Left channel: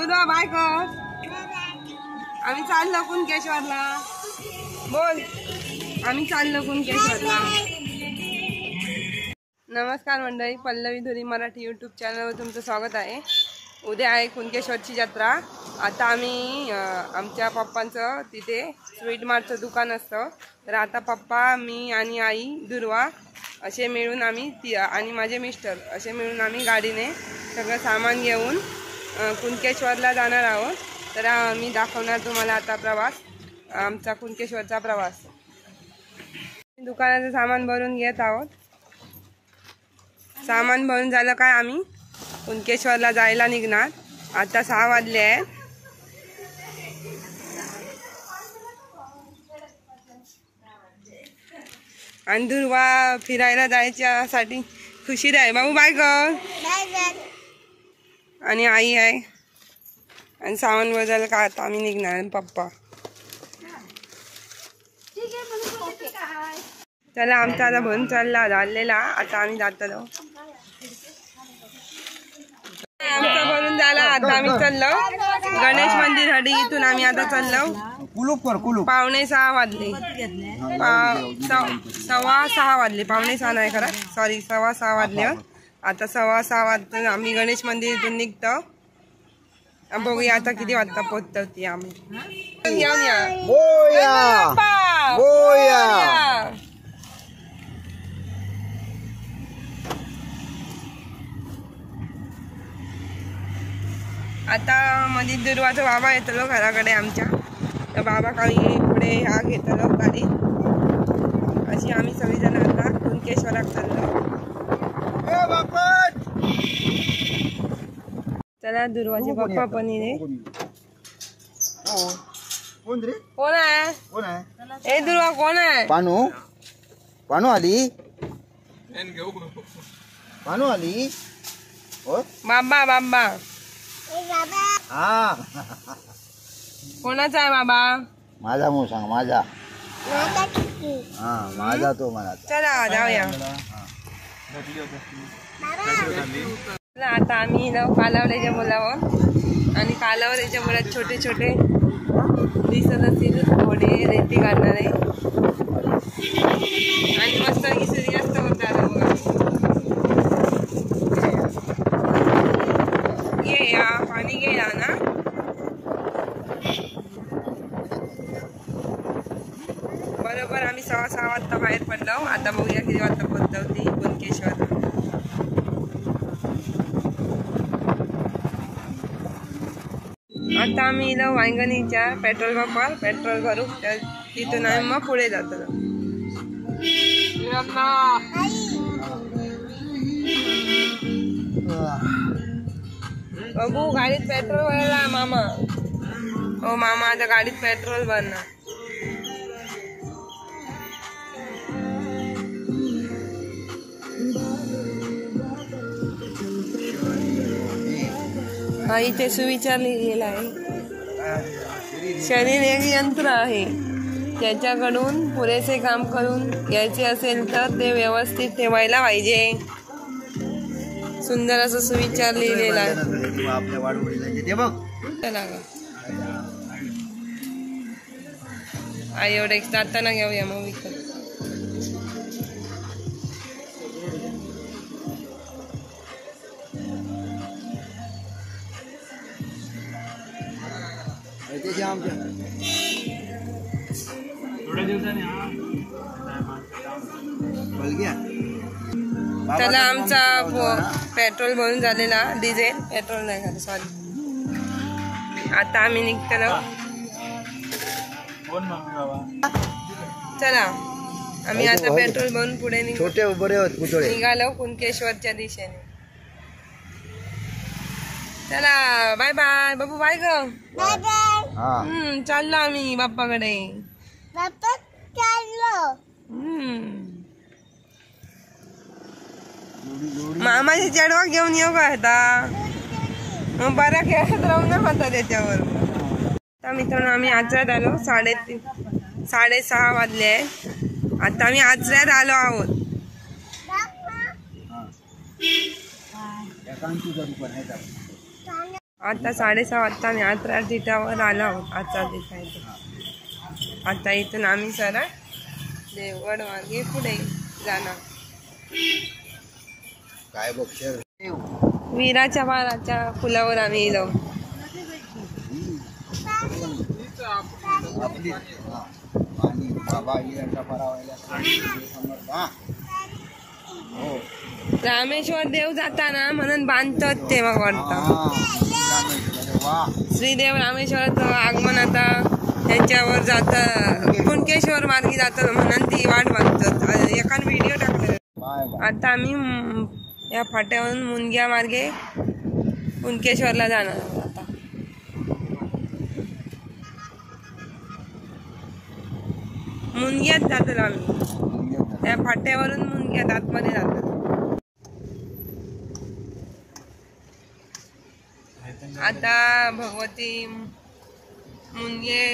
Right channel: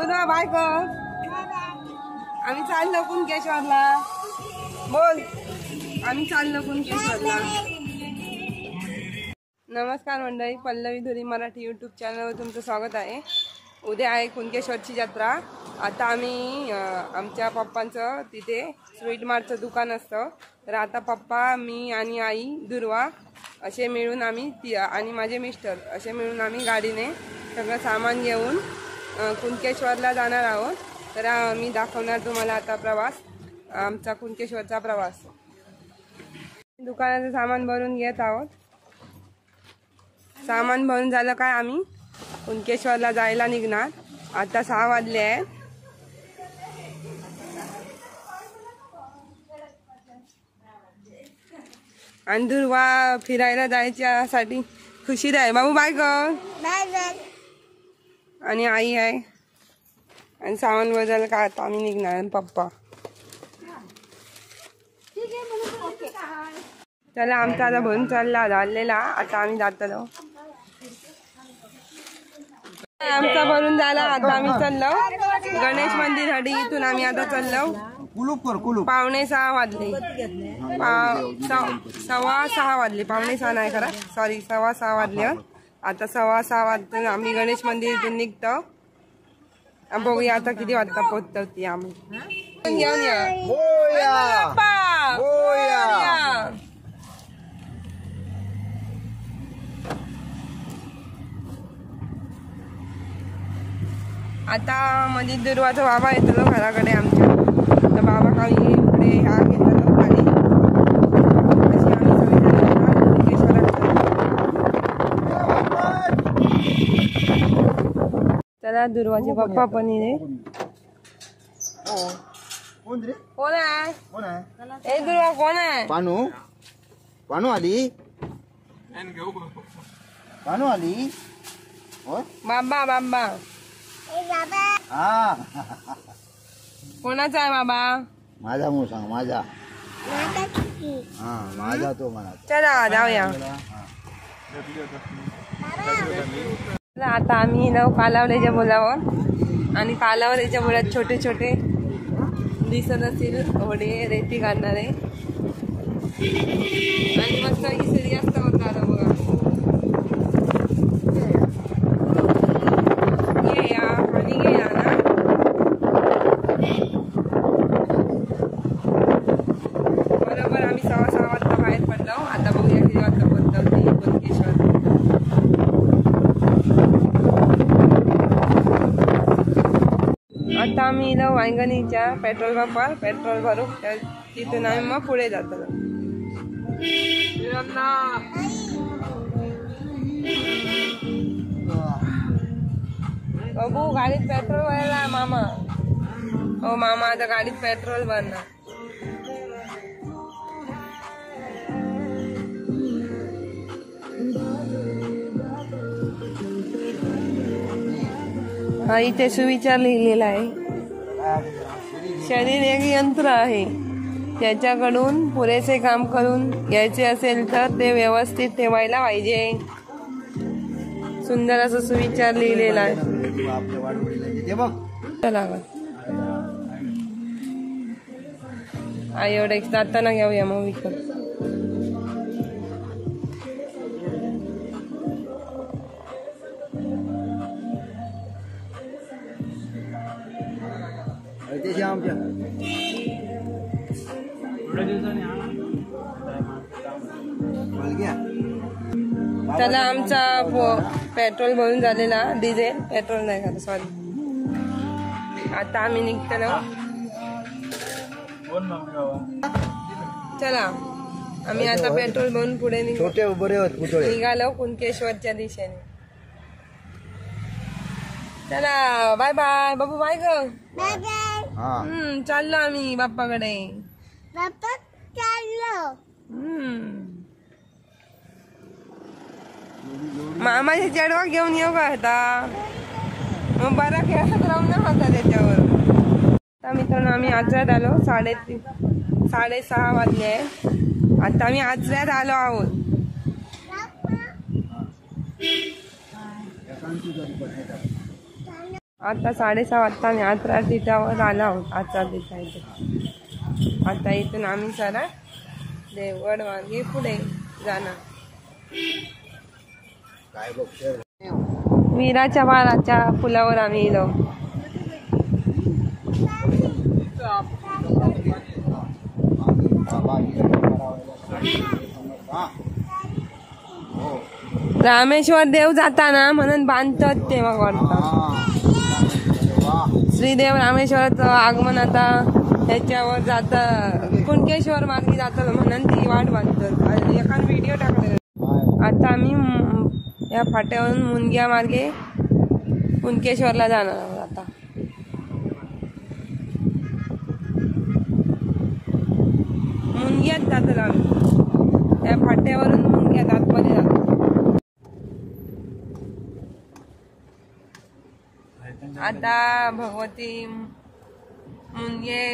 बोला बाय कर. आम्ही चाललो कुणकेश्वरला. बोल आम्ही चाललो कुणकेश्वरला. नमस्कार मंडळी, पल्लवी धुरी मराठी यूट्यूब चॅनलवर तुमचं स्वागत आहे. उद्या आहे कुणकेश्वरची जत्रा. आता आम्ही आमच्या पप्पांचं तिथे स्वीट मार्टचं दुकान असतं. तर आता पप्पा, मी आणि आई दुर्वा असे मिळून आम्ही आणि माझे मिस्टर असे मिळून आम्ही गाडीने सगळं सामान घेऊन कुणकेश्वरला जाणार आहोत. तर मी दाखवणार तुम्हाला आता प्रवास, आमचा कुणकेश्वरचा प्रवास. दुकानाचं सामान भरून घेत आहोत. सामान भरून झालं काय आम्ही कुणकेश्वरला जायला निघणार. आता 6 वाजले आहेत. आणि दुर्वा फिरायला जायच्यासाठी खुशी आहे. बाबू बाय कर. आणि आई आहे आणि सामान बदल का आता आम्ही निघणार पप्पा. चला आमचा आता भरून झालेला. आता आम्ही जातो. आमचा भरून झाला. आता आम्ही चाललो गणेश मंदिर हडी. इथून आम्ही आता चाललो. 5:45 वाजले. 6:15 वाजले. 5:45 नाही खरा, सॉरी 6:15 वाजले. आता 6:15 वाजता आम्ही गणेश मंदिर इथून निघतो. बघूया आता किती वाजता पोहोचतो ती आम्ही. घेऊन या. आता मध्ये दुर्वाचा बाबा येतलो घराकडे आमच्या. तर बाबा खाली पुढे हा घेतलो खाली. अशी आम्ही सगळेजण आता कुणकेश्वरात चाललो. चला दुर्वाचे पप्पा पण इथे. कोण आहे? ए दुर्वा कोण आहे? पानू. पानू आली. पानू आली. बाबा बाबा हा कोणाचा आहे बाबा? माझा मू सांग. माझा. हा माझा तो म्हणा. चला जाऊया. आता आम्ही कालावडीच्या बोलावर आणि कालावडीच्या बोलात छोटे छोटे दिसत असतील घोडे रेती काढणारे. आणि मस्त सूर्यास्त होता आता बघा. ये या पाणी घे या ना. बरोबर आम्ही 6:15 वाजता बाहेर पडलो. आता बघूया किती वाजता पोहोचतो ती कुणकेश्वर. आता आम्ही इथं वांगणीच्या पेट्रोल पंपावर पेट्रोल भरू. तिथून आम्ही मग पुढे जातो. बघू गाडीत पेट्रोल भरला मामा. हो मामा आता गाडीत पेट्रोल भरणार. हा इथे सुविचार लिहिलेला आहे. शरीर एक यंत्र आहे, त्याच्याकडून पुरेसे काम करून घ्यायचे असेल तर ते व्यवस्थित ठेवायला पाहिजे. सुंदर असं सुविचार लिहिलेला आहे. आई एवढं एक जाताना घेऊया मग विकत. त्याला आमचा पेट्रोल भरून झालेला. डिझेल पेट्रोल नाही झालं, सॉरी. आता आम्ही निघतो. चला आम्ही आता पेट्रोल भरून पुढे निघालो कुणकेश्वरच्या दिशेने. चला बाय बाय बाबू. बाय ग. चाललो आम्ही बाप्पाकडे. मामाची चढवा घेऊन येऊ का आता? मग बरा खेळत राहू ना होता त्याच्यावर. आता मित्रांनो आम्ही आचऱ्यात आलो. 6:30 वाजले आहे. आता आम्ही आचऱ्यात आलो आहोत. आता 6:30 वाजता आम्ही आत्रा तिठावर आलो आहोत. आत्रा तिठा इथे. आता इथून आम्ही सरळ देवगड मार्गे पुढे जाणार. काय बघ वीराच्या बाळाच्या पुलावर आम्ही गेलो. रामेश्वर देव जाताना म्हणून बांधतात तेव्हा वाटतं. श्रीदेव रामेश्वराचं आगमन आता ह्याच्यावर जातं, कुणकेश्वर मार्गी जातं म्हणून ती वाट बांधतात. एकान व्हिडिओ टाकले. आता आम्ही या फाट्यावरून मुनग्या मार्गे कुणकेश्वरला जाणार आहोत. आता मुनग्यात जातो आम्ही. त्या फाट्यावरून मुनग्यात आतमध्ये जातो. आता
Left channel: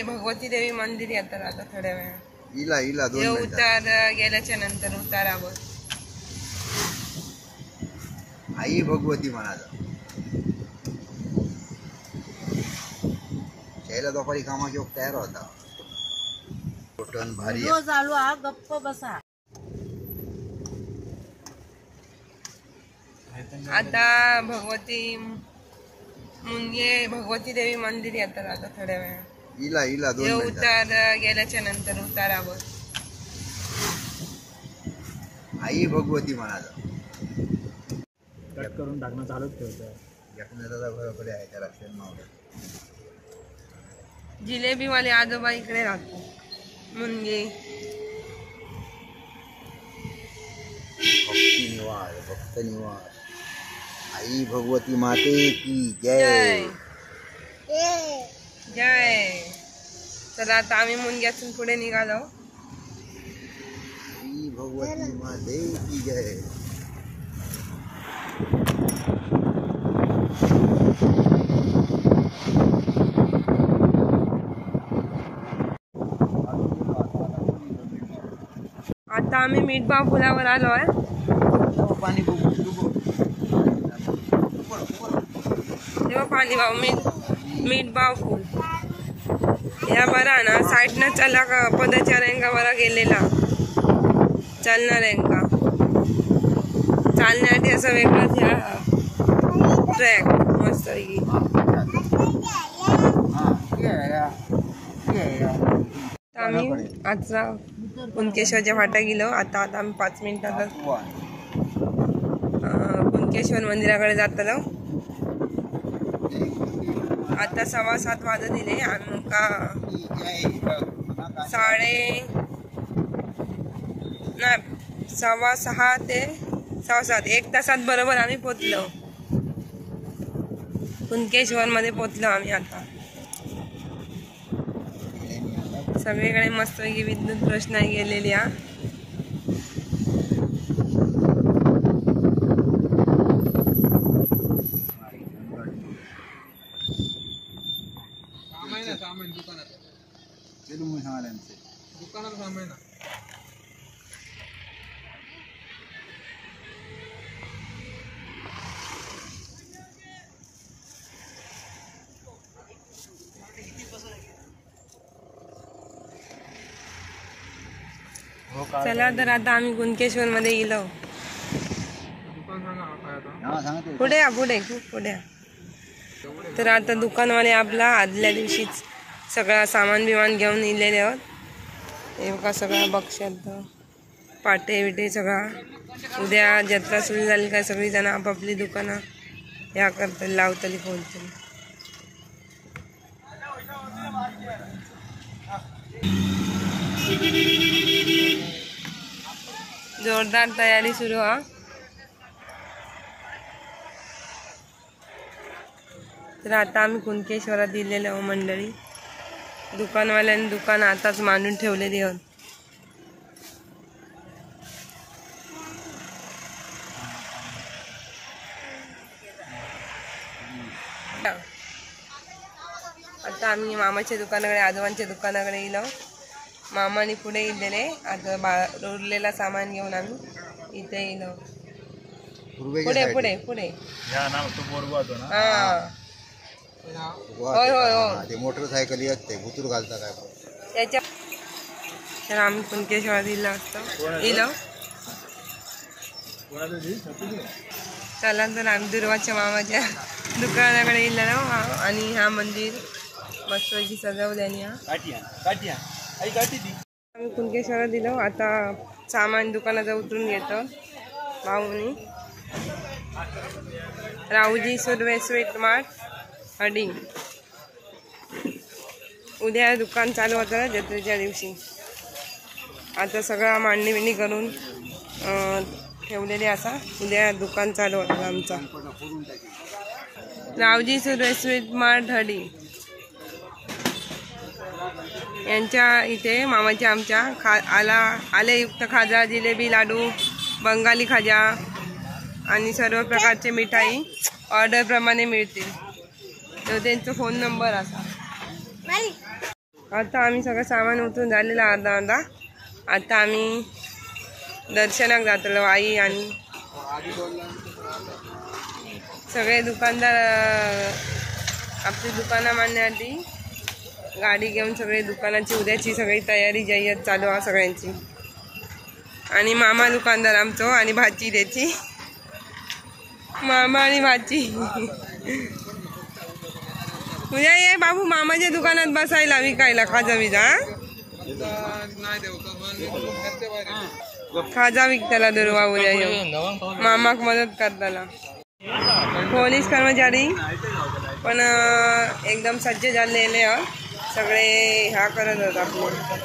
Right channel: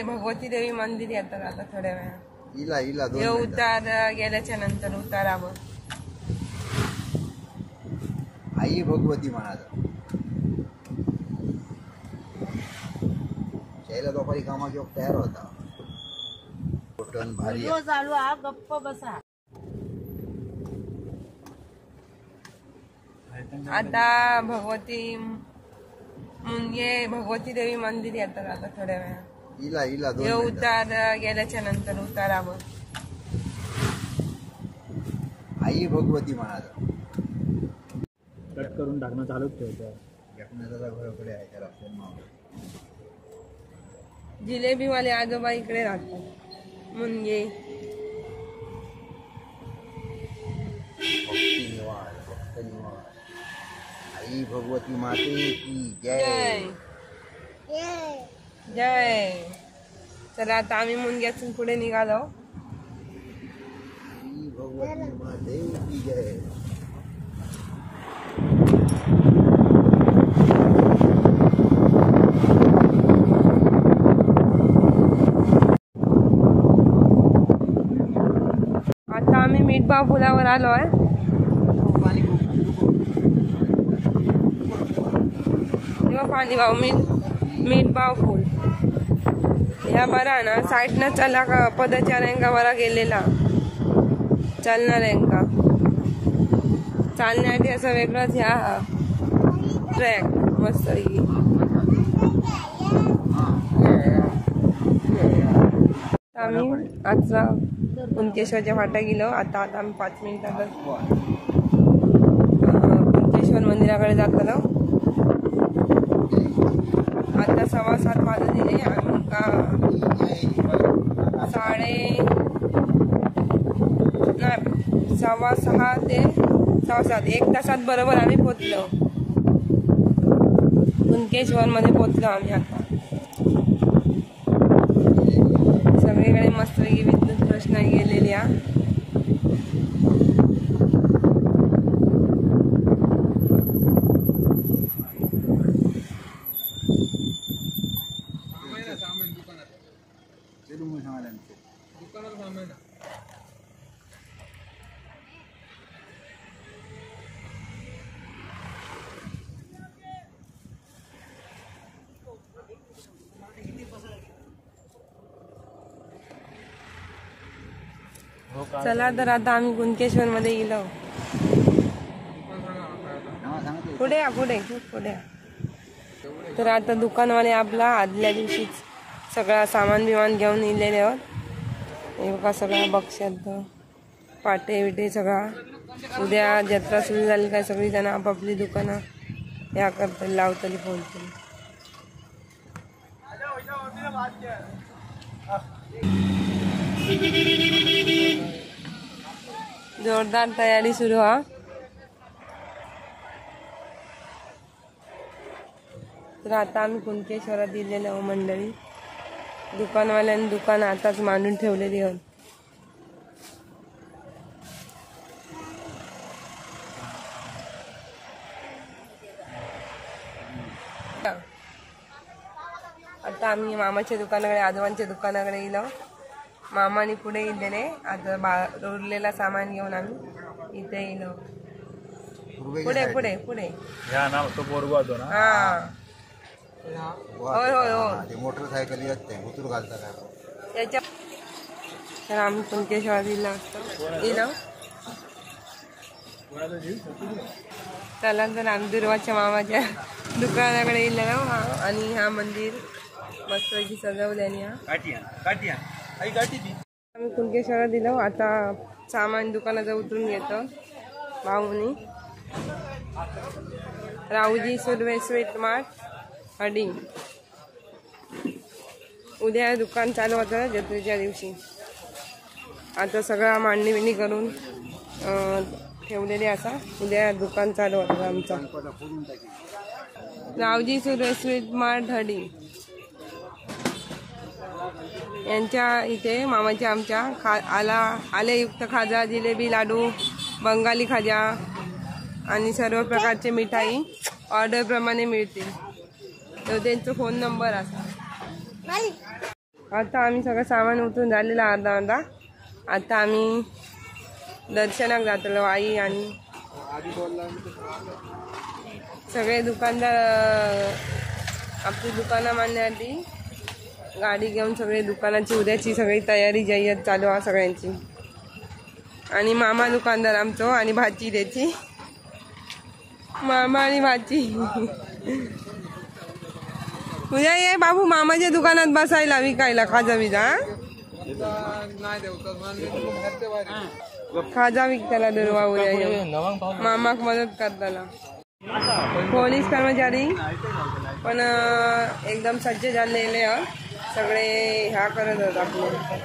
भगवती देवी मंदिर येतात आता थोड्या वेळा. हे उतार गेल्याच्या नंतर उतारावर आई भगवती म्हणाला. शैला दुपारी कामाची तयार होता. भारी चालू हा गप्प बसा. आता भगवती देवी मंदिर येतात आता थोड्या वेळा. हे उतार गेल्याच्या नंतर उतारावर आई भगवती म्हणाला. कट करून टाकणं चालूच ठेवतं. घराकडे आहे त्या रस्त्यात जिलेबीवाले आजोबा इकडे राहतात. मुनगे भक्त निवास. आई भगवती माते की जय. जय. तर आता आम्ही मुनग्यातून पुढे निघालो. आई भगवती माते की जय. आता आम्ही मीठभाव पुलावर आलो आहे. तेव्हा पाणी भाव मीठभाव फुल या बरा ना साईडनं चला का पदचाऱ्यांका बरा गेलेला चालणाऱ्यांका चालण्यासाठी असं वेगळंच ह्या ट्रॅक मस्त. आम्ही आजचा कुणकेश्वरच्या फाटा गेलो. आता आम्ही 5 मिनिटातच कुणकेश्वर मंदिराकडे जातलो. आता 7:15 वाजत दिले. आमका 6:15 ते 6:15 1 तासात बरोबर आम्ही पोचलो. कुणकेश्वर मध्ये पोचलो आम्ही. आता सगळीकडे मस्तपैकी विद्युत रोषणाई गेलेली आहे. चला तर आता आम्ही कुणकेश्वर मध्ये गेलो. पुढे पुढे. तर आता दुकानवाले आपला आदल्या दिवशीच सगळा सामान बिमान घेऊन इलेले आहोत. हे बघा सगळा बक्षात पाटे बिटे सगळा. उद्या जत्रा सुरू झाली काय सगळी जण आपापली दुकानं या करतली लावतली फोनतली. जोरदार तयारी सुरू हा. तर आता आम्ही कुणकेश्वरात दिलेलं आहोत मंडळी. दुकानवाल्यांनी दुकान आताच मांडून ठेवलेली आहोत. आता आम्ही मामाच्या दुकानाकडे आजोबांच्या दुकानाकडे गेलो. मामाने पुढे गेलेले. आता उरलेला सामान घेऊन आम्ही इथे गेलो. पुढे हा होय होय होय ते मोटरसायकल येत ते भुतूर घालता काय त्याच्या तर आम्ही कुणकेश्वर दिलं असतं इलो चला तर आम्ही दुर्वाच्या मामाच्या दुकानाकडे गेलेलो आणि हा मंदिर मस्त सजवल्याने आम्ही कुणकेश्वरात दिलो. आता सामान दुकानात उतरून घेतो भाऊनी. Rauji Surve sweet mart हडिंग. उद्या दुकान चालू होतं जत्रेच्या दिवशी. आता सगळं मांडणी बिंडणी करून ठेवलेली असा. उद्या दुकान चालू होतं आमचा. रावजी सुर्वे स्वीट मार्ट हडिंग यांच्या इथे मामाच्या आमच्या आलेयुक्त खाजा, जिलेबी, लाडू, बंगाली खाजा आणि सर्व प्रकारचे मिठाई ऑर्डरप्रमाणे मिळतील. तर त्यांचा फोन नंबर असा. आता आम्ही सगळं सामान उतरून झालेलं अर्धा. आता आम्ही दर्शनाक जातलो. आई आणि सगळे दुकानदार आपली दुकानं मांडण्यासाठी गाडी घेऊन सगळे दुकानाची उद्याची सगळी तयारी जय्यत चालू आहे सगळ्यांची. आणि मामा दुकानदार आमचो आणि भाची त्याची. मामा आणि भाची उद्या ये बाबू मामाच्या दुकानात बसायला विकायला खाजा विजा. खाजा विकताला दुर्वा उद्या येऊ मामाक मदत करताना. पोलीस कर्मचारी पण एकदम सज्ज झालेले सगळे ह्या करत होत आपले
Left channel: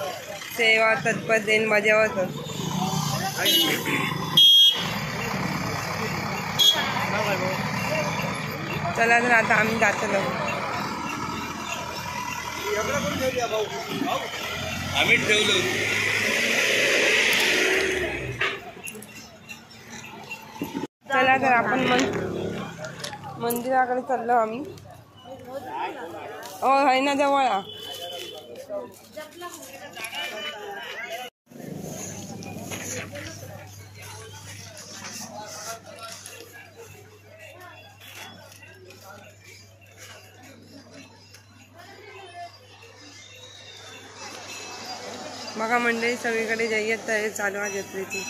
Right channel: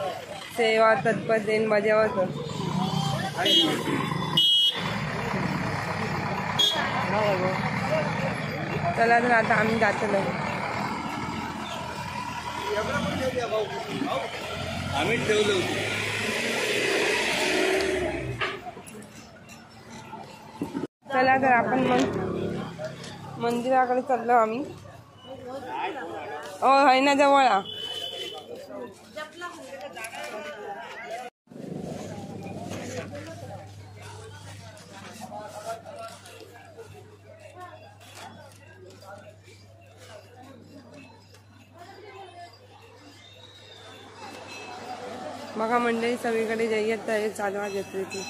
सेवा तत्परतेने बजावत होत. चला तर आता आम्ही जातलो. चला तर आपण मंदिराकडे चाललो आम्ही. हो आहे ना जवळ. बघा मंडळी सगळीकडे जय्यत तयारी चालू आहे जत्रेची.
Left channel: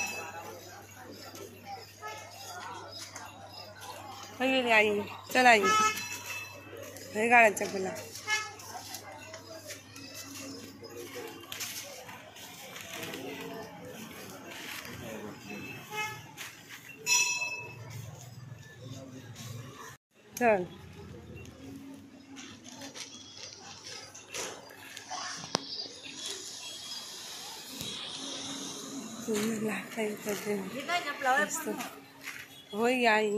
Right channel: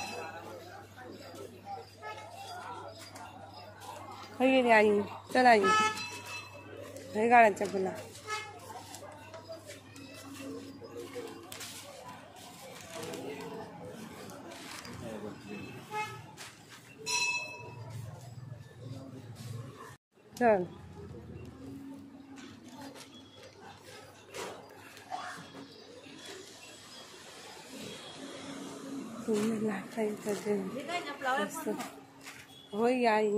गेली आई. चल आई हे गाड्याच्या फुला. चल होय आई.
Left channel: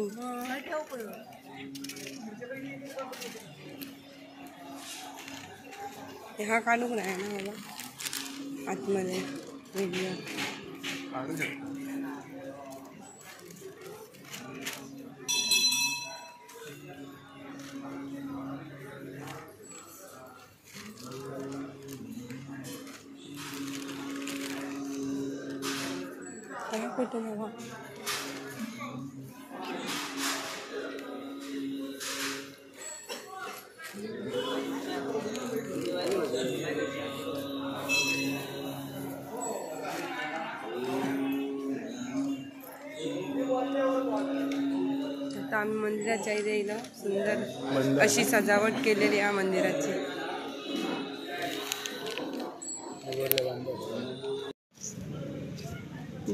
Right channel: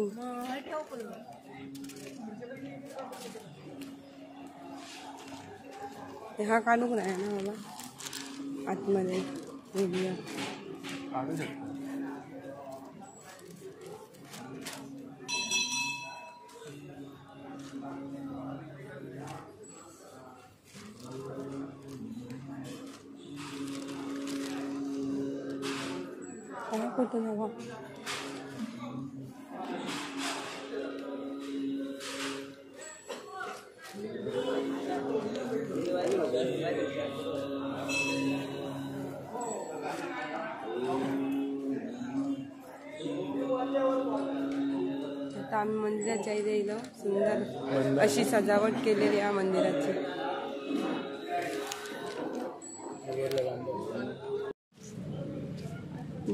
हा काढू नाही ना बाबा आतमध्ये व्हिडिओ. कुठे बाबा आता आम्ही मंदिराच्या इथे येलो. सुंदर अशी सजावट केलेली आहे मंदिराची.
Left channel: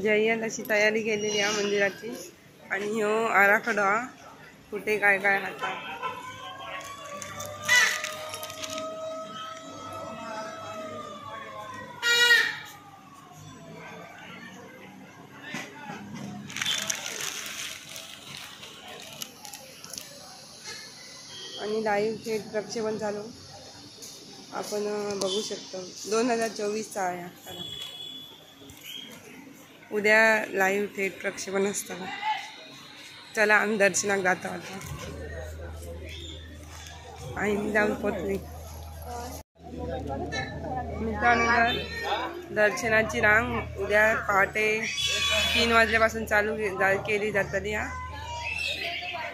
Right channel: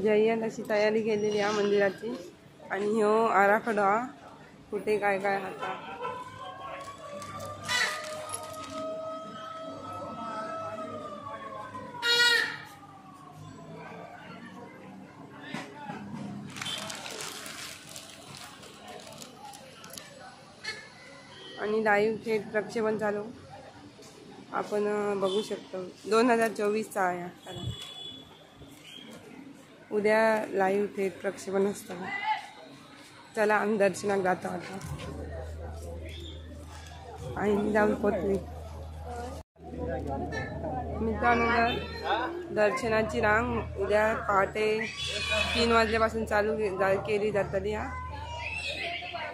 जय्यत अशी तयारी केलेली आहे मंदिराची. आणि ह्यो आराखडा कुठे काय काय हाता. आणि लाईव्ह थेट प्रक्षेपण चालू आपण बघू शकतो. 2024चा आहे आता. उद्या लाईव्ह थेट प्रक्षेपण असतं. चला आम्ही दर्शनाक जातो आता. आणि जाऊन पोचली मित्रांनो. दर्शनाची रांग उद्या पहाटे 3 वाजल्यापासून चालू केली जातात.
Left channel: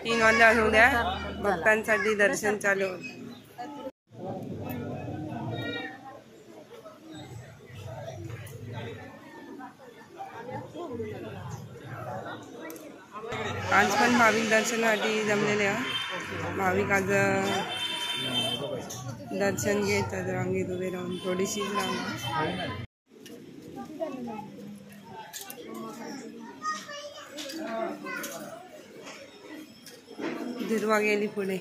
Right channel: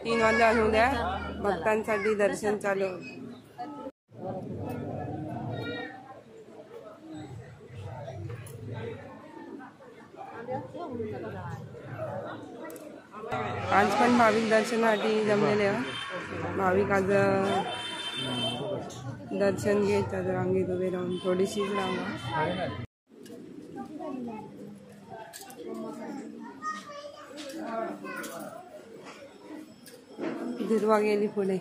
3 वाजल्यापासून उद्या भक्तांसाठी दर्शन चालू होतं. आज पण भाविक दर्शनासाठी जमलेले भाविक आज दर्शन घेतात रांगेत उभे राहून थोडीशीच रांगा. दुर्वा गेली पुढे.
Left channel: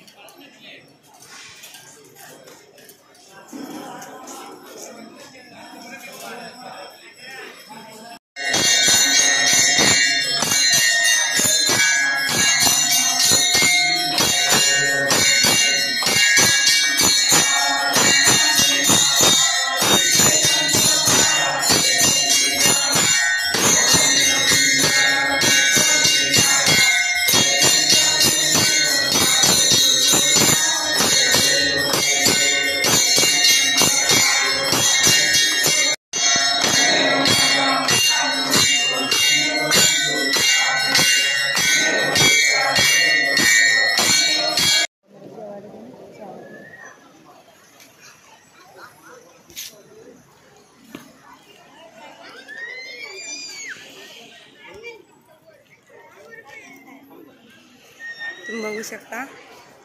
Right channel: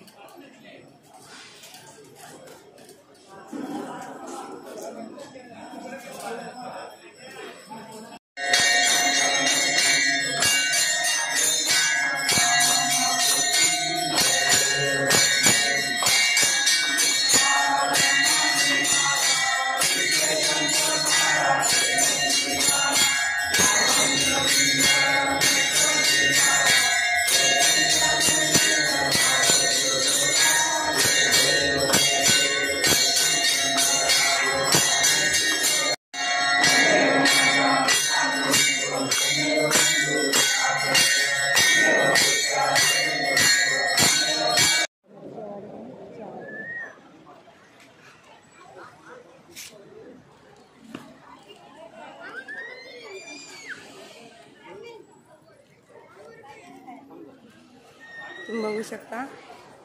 तुम्ही बघू शकता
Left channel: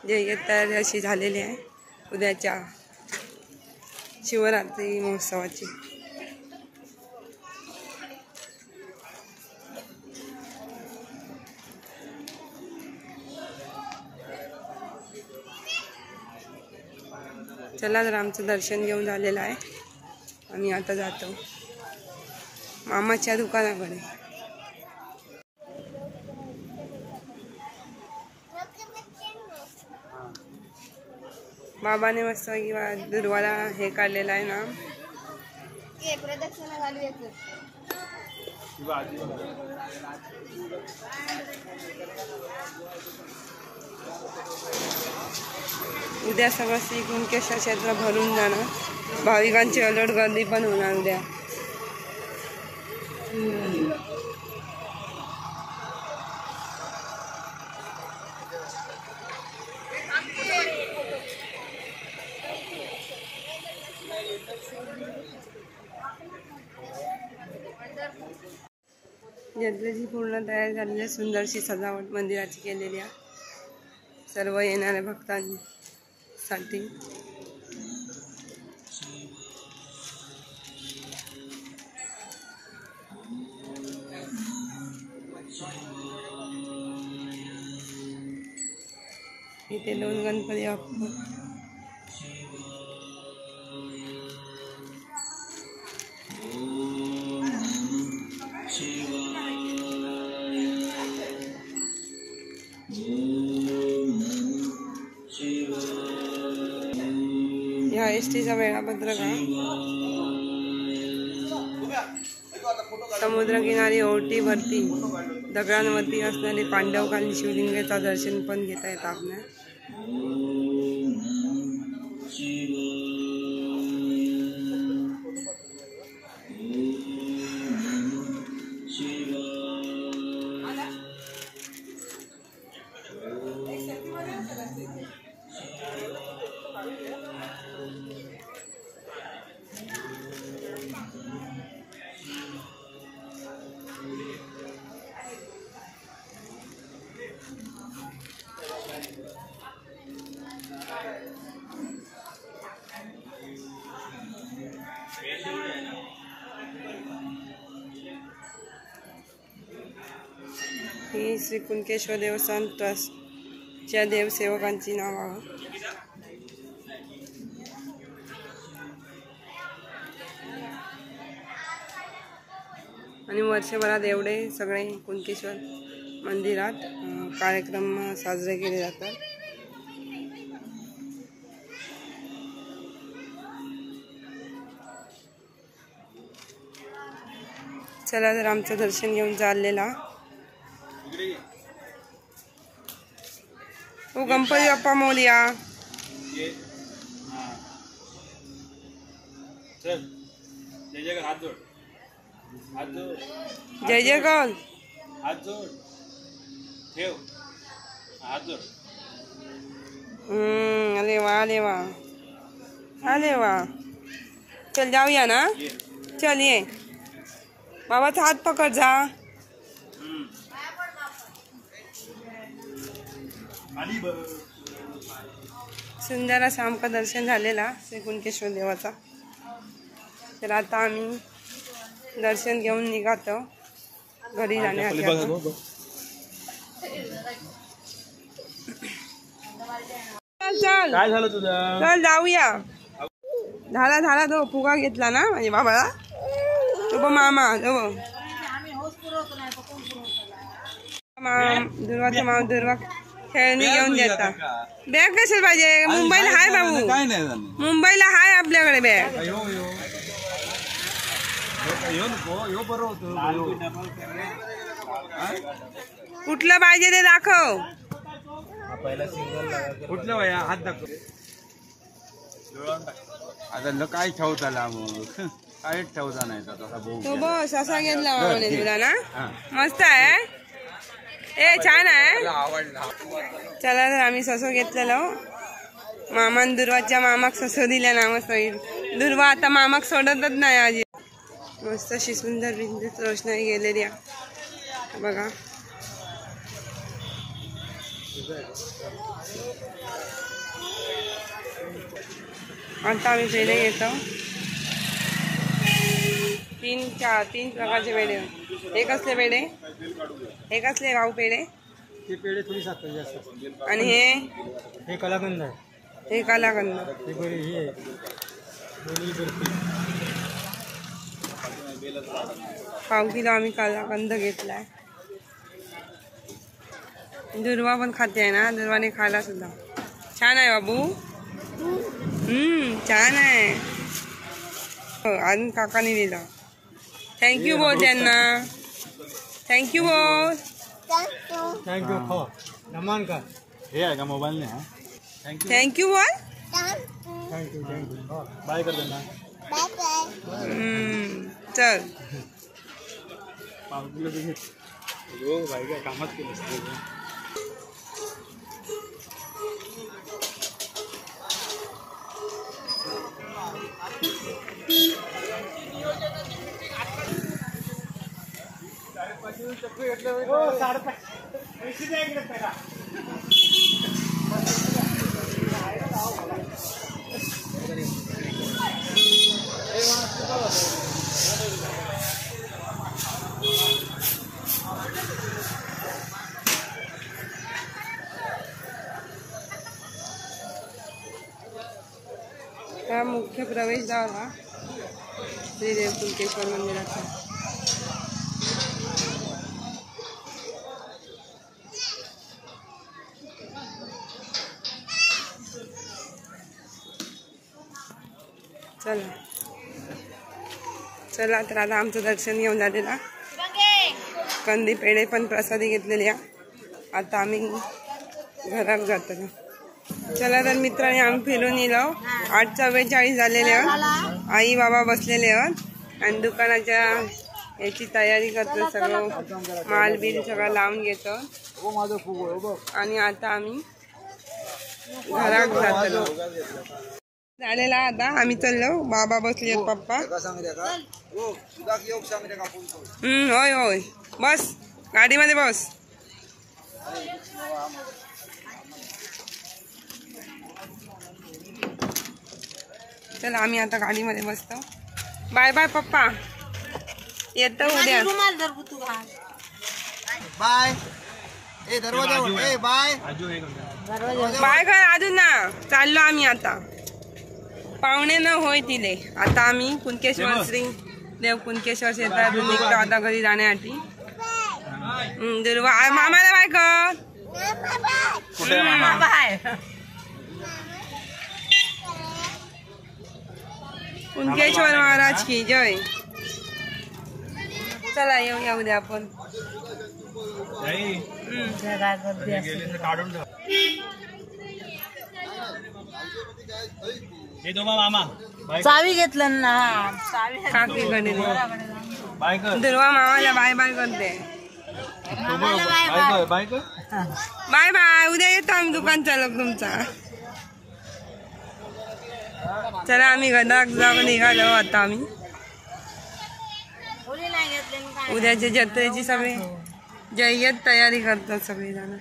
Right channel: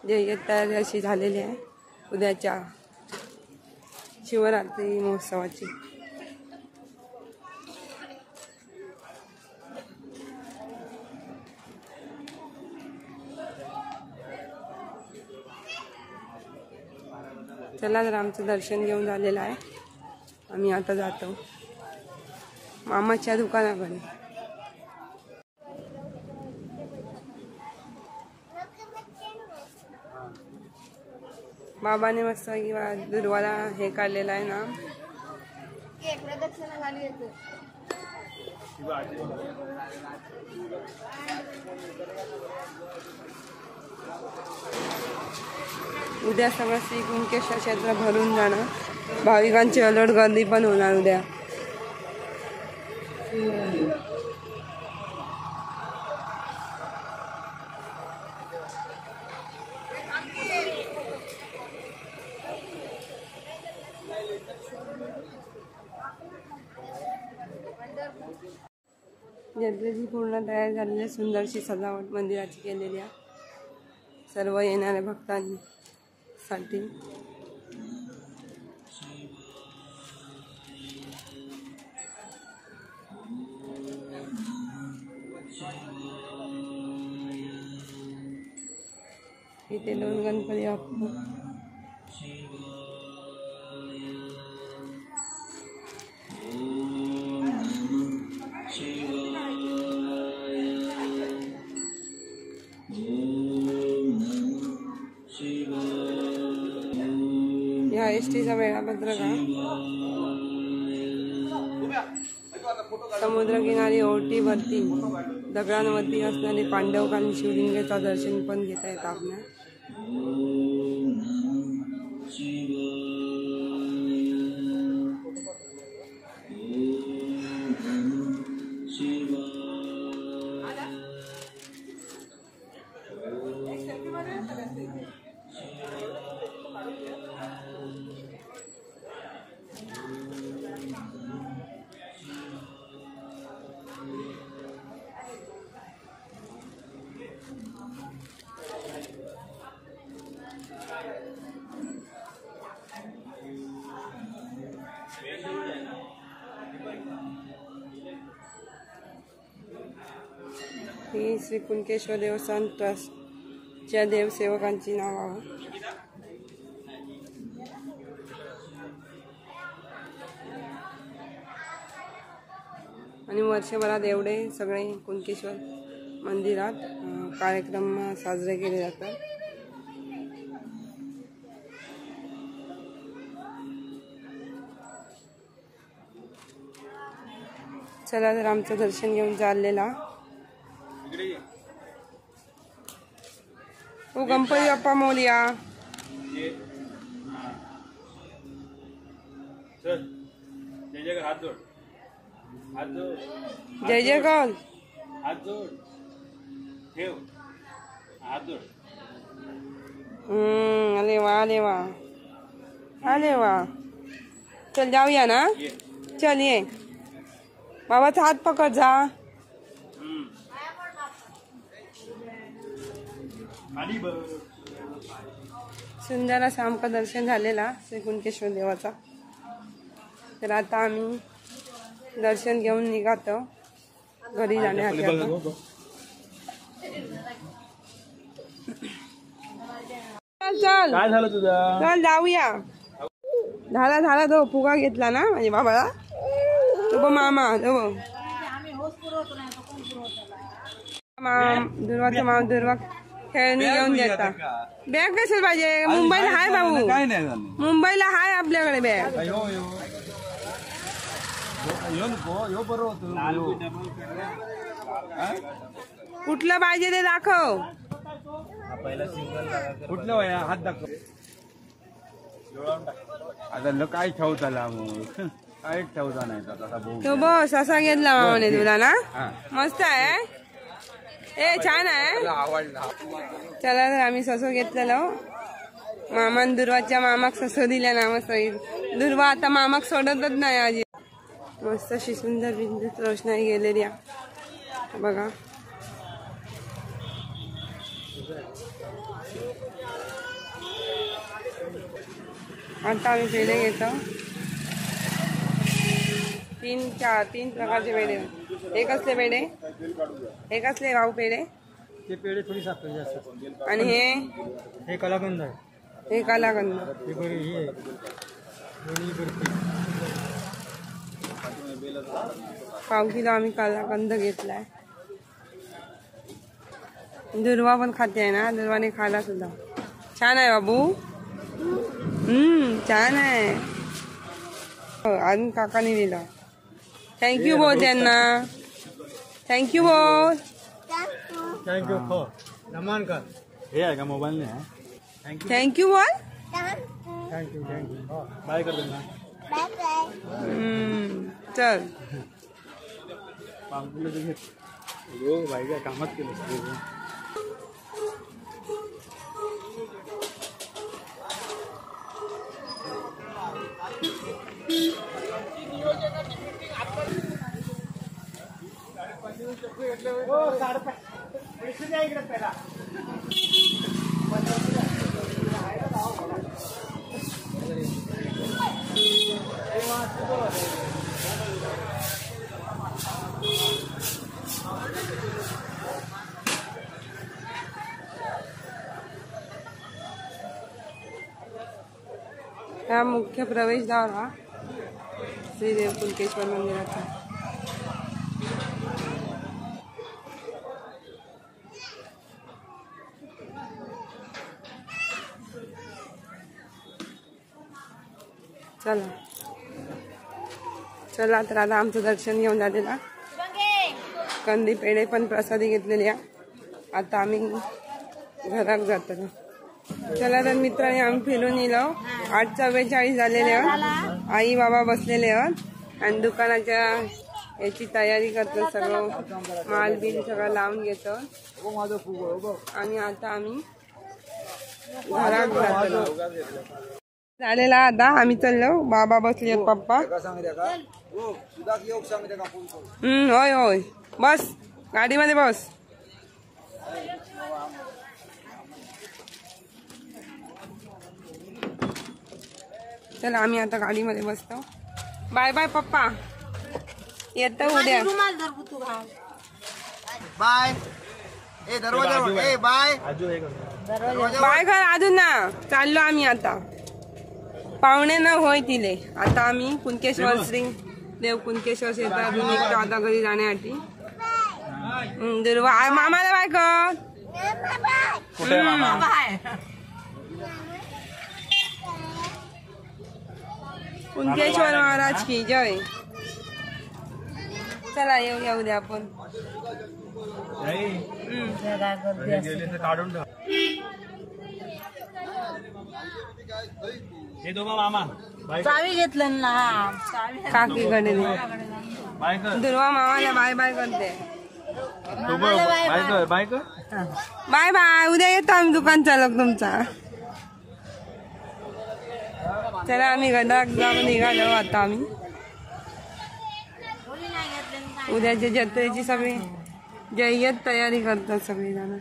जय्यत तयारी अशी झालेली आहे उद्याच्या शिवरात्री महोत्सवाची. चला तर आमचं दर्शन घेऊन झालेलं आहे. आम्ही आता जातो मामाच्या दुकानाकडे. बाबाने मस्त किंवा दुर्वाला हे काढलेलं आहे ना. उद्या सगळं श्री कुणकेश्वर क्षेत्र भरून जाणार. भाविकांची अलोट गर्दी पण होणार उद्या. जत्रेची पूर्ण तयार झालेली सुंदरशी सजावट मंदिराची केलेली आहे सर्व येणाऱ्या भक्तांसाठी. इथे 2 गणपती बाप्पा. या एसटीचा वेळापत्रक समुद्रकिनारी ओहोटीवरती दगडांवरती असणारे पांडवकालीन शिवलिंगाचा दर्शन पण घेता येतं आपल्याला. ही श्री कुणकेश्वर देवस्थान ट्रस्टच्या देवसेवकांची नावं. आणि वर्षभरात एवढे सगळे कुणकेश्वर मंदिरात कार्यक्रम साजरे केले जातात. चला तर आमचं दर्शन घेऊन चाललेला. ओ गणपती बाप्पा मोरया. जय जय कौल. अरे वा अरे वा अरे वा. चल जाऊया ना. चल ये बाबाचा हात पकड जा. सुंदर असं आमचं दर्शन झालेला श्री कुणकेश्वर देवाचा. तर आता आम्ही दर्शन घेऊन निघातो घरी जाण्यासाठी. चल काय झालं तुझं? चल जाऊया. झाला तो फुगा घेतला ना माझ्या बाबाला. तो बघ मामा तो बघ दुर्वाचा मामा दुर्वा खेळणी घेऊन देता. बॅग कशाला पाहिजे? मुंबईला हाय बाबू, मुंबईला हाय आपल्याकडे बॅग. कुठलं पाहिजे ते दाखव. कुठलं वया हात दाखव. आता काय ठेवताला मग काय ठेवता नाही तो बस असा घेतला मामाने तुला ना. मस्त आहे. ए छान आहे. चला तर आम्ही ससो घेतलेलो. मामान दुर्वाच्या मामाक ससो दिल्या ना. मस्त दुर्वा आता मामाक सोडतच नाही आजी. मस्त अशी सुंदर विद्युत रोषणाई गेलेली बघा. आता आम्ही पेढे घेतो. तीन प्रकारचे पेढे. हे कसले पेढे? हे कसले भाऊ पेढे? ते पेढे थोडी साखर जास्त. आणि हे कलाकंद आहे. हे कलाकंद. पाव किलो आम्ही कलाकंद घेतलाय. दुर्वा पण खाते आहे ना. दुर्वाने खाला सुद्धा. छान आहे बाबू. छान आहे. अजून काकाने दिला. थँक्यू बोल त्यांना. थँक्यू बोल. थँक्यू हो नमन का. हे आहे का मोबाईल ने. थँक्यू बोल. थँक्यू बाय कर देना. चल भाई काय कामच केलं. हा मुख्य प्रवेशद्वार हा श्रीदेव कुणकेश्वर मंदिराचा. चला तर आता आमचं दर्शन घेऊन झालेला. कंदी पेढे पण प्रसादी घेतलेली. आता आम्ही घरात जातो. चला तर मित्रांनी आम्ही फिरून येलो. 8:44 झालेले आहोत. आई बाबा बसलेले आहोत आणि दुकानाच्या याची तयारी करतो. सगळं माल बिल सगळं लावून घेतो आणि आता आम्ही घरात जातो. झालेला आता आम्ही चाललो. बाबा बसले पप्पा. होय होय बस गाडीमध्ये बस. चला आम्ही आता गाडीमध्ये बसतो. बाय बाय पप्पा. येतो उद्या. बाय. ए दरवाजा ए बाय. बाय कर अजून ना. चाललो आम्ही आता. पाहुणे न होय तिले. आता आम्ही कुणकेश्वर श्री देव कुणकेश्वर क्षेत्रातून निघतो आता घरी जाण्यासाठी. दुर्वा मामाला बाय कर. कुणकेश्वर महाराज की जय. चला येऊया उद्या आपण. काढून मामा चावी घेतलं ना. काकीकडे दुर्वा मामाला बाय बाय करते. Bye bye. उद्या येतो आम्ही दुकान चालक तुमचा. चला आम्ही घरात जाऊन निघालो आता. आम्ही उद्याच्या जत्रेची सगळी जय्यत तयारी करतात सगळी जण.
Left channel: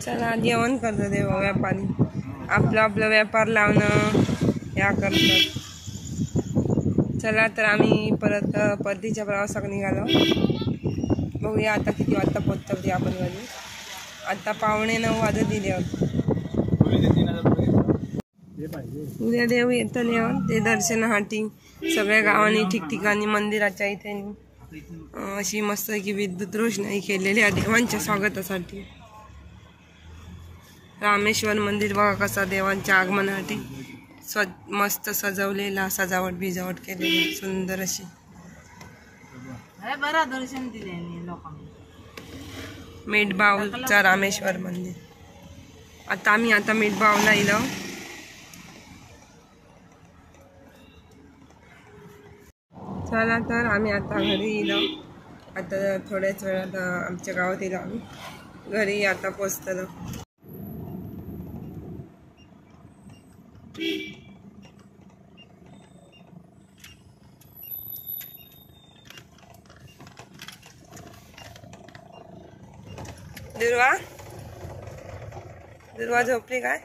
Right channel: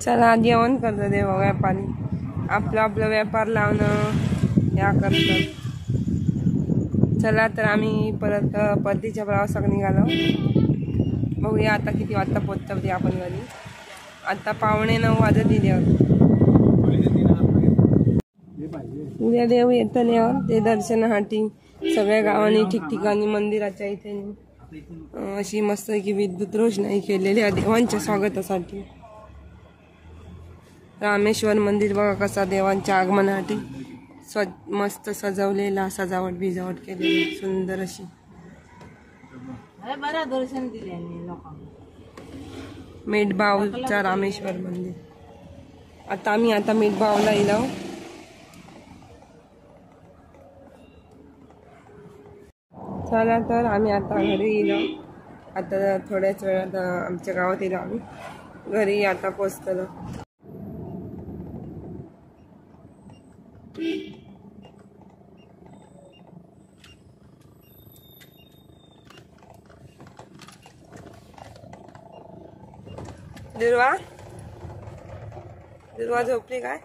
चला जेवण करतो देव व्यापारी आपला आपला व्यापार लावणं या करतात. चला तर आम्ही परत परतीच्या प्रवासाकडे निघालो. बघूया आता किती वाजता पोहोचतो ते आपण घरी. आता 8:45 वाजत दिले. उद्या देव येताना ते दर्शनासाठी सगळ्या गावांनी ठिकठिकाणी मंदिराच्या इथे अशी मस्त की विद्युत रोषणाई केलेली आहे देवांच्या स्वागतासाठी. रामेश्वर मंदिर बघा कसा देवांच्या आगमनासाठी मस्त सजवलेला, सजावट बिजावट केलेली सुंदर अशी. बरा दर्शन दिले लोकांना. मेटबावचा रामेश्वर मंदिर. आता आम्ही मेटबावला येलो. चला तर आम्ही आता घरी येलो. आता थोड्याच वेळात आमच्या गावात येलो आम्ही. घरी आता पोचतलो. दुर्वा झोपली काय?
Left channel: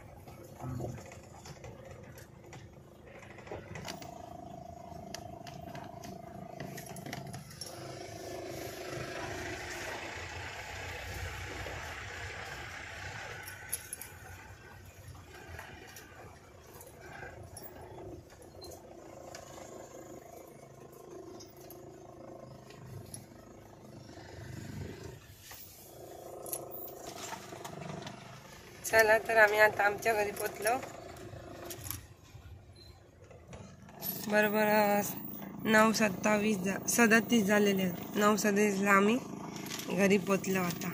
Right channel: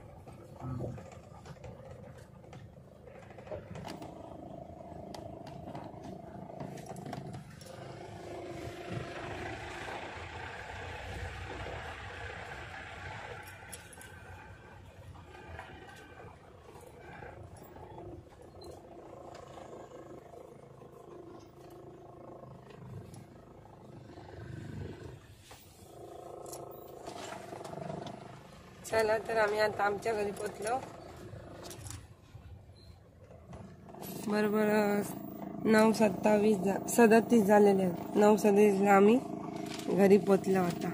चला तर आम्ही आता आमच्या घरी पोचलो. बरोबर 9:37 झालेले आहेत. 9:37ला आम्ही घरी पोचलो. आता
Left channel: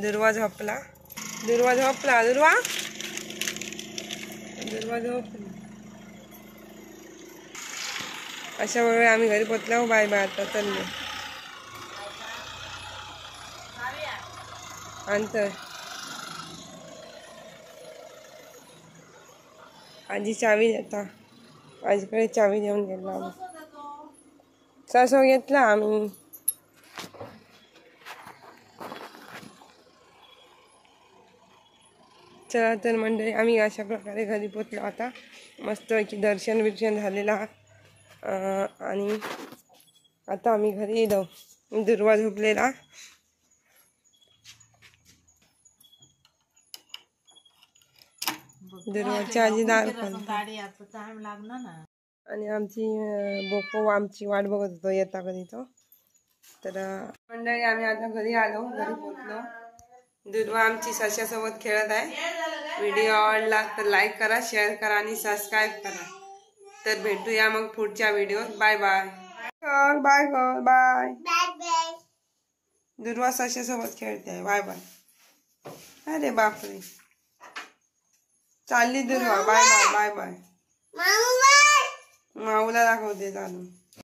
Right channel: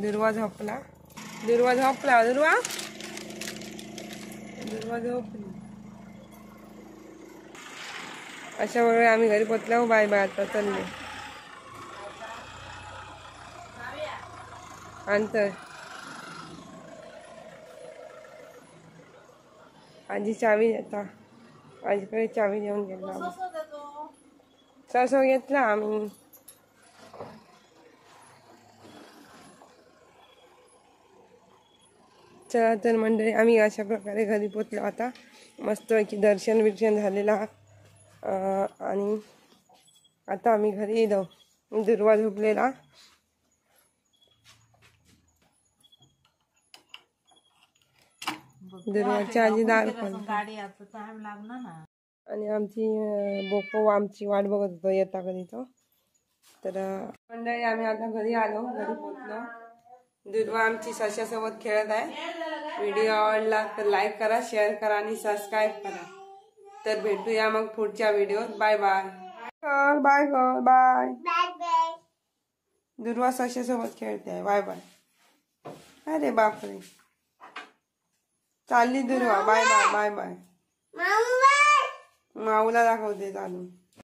दुर्वा झोपली. अशा वेळी आम्ही घरी पोचलो. Bye bye. आता चालले अंतर. आजी चावी देता. आजीकडे चावी देऊन गेलो आम्ही. सासू घेतला आम्ही. चला तर मंडळी आम्ही अशा प्रकारे घरी पोचलो. आता मस्त दर्शन बिर्शन झालेला आणि आता आम्ही घरी येलो. दुर्वा झोपलेला. दुर्वाची आजी दार गाडी आता टाइम लागणार ना. आणि आमची बोको आमची वाट बघत होतो येता कधी तो. तर मंडळी आम्ही आता घरी आलो. घरी पोचलो. दुर्वा आमची सशासोबत खेळत आहे. व्हिडिओ आवडला तर लाईक करा, शेअर करा आणि सबस्क्राईब करा. तर भेटूया मग पुढच्या व्हिडिओत. Bye bye. Bye bye. Durva सशासोबत खेळते आहे. Bye bye. अरे बापरे चालली Durva. Bye bye. Bye bye. माऊला दाखवते चालू.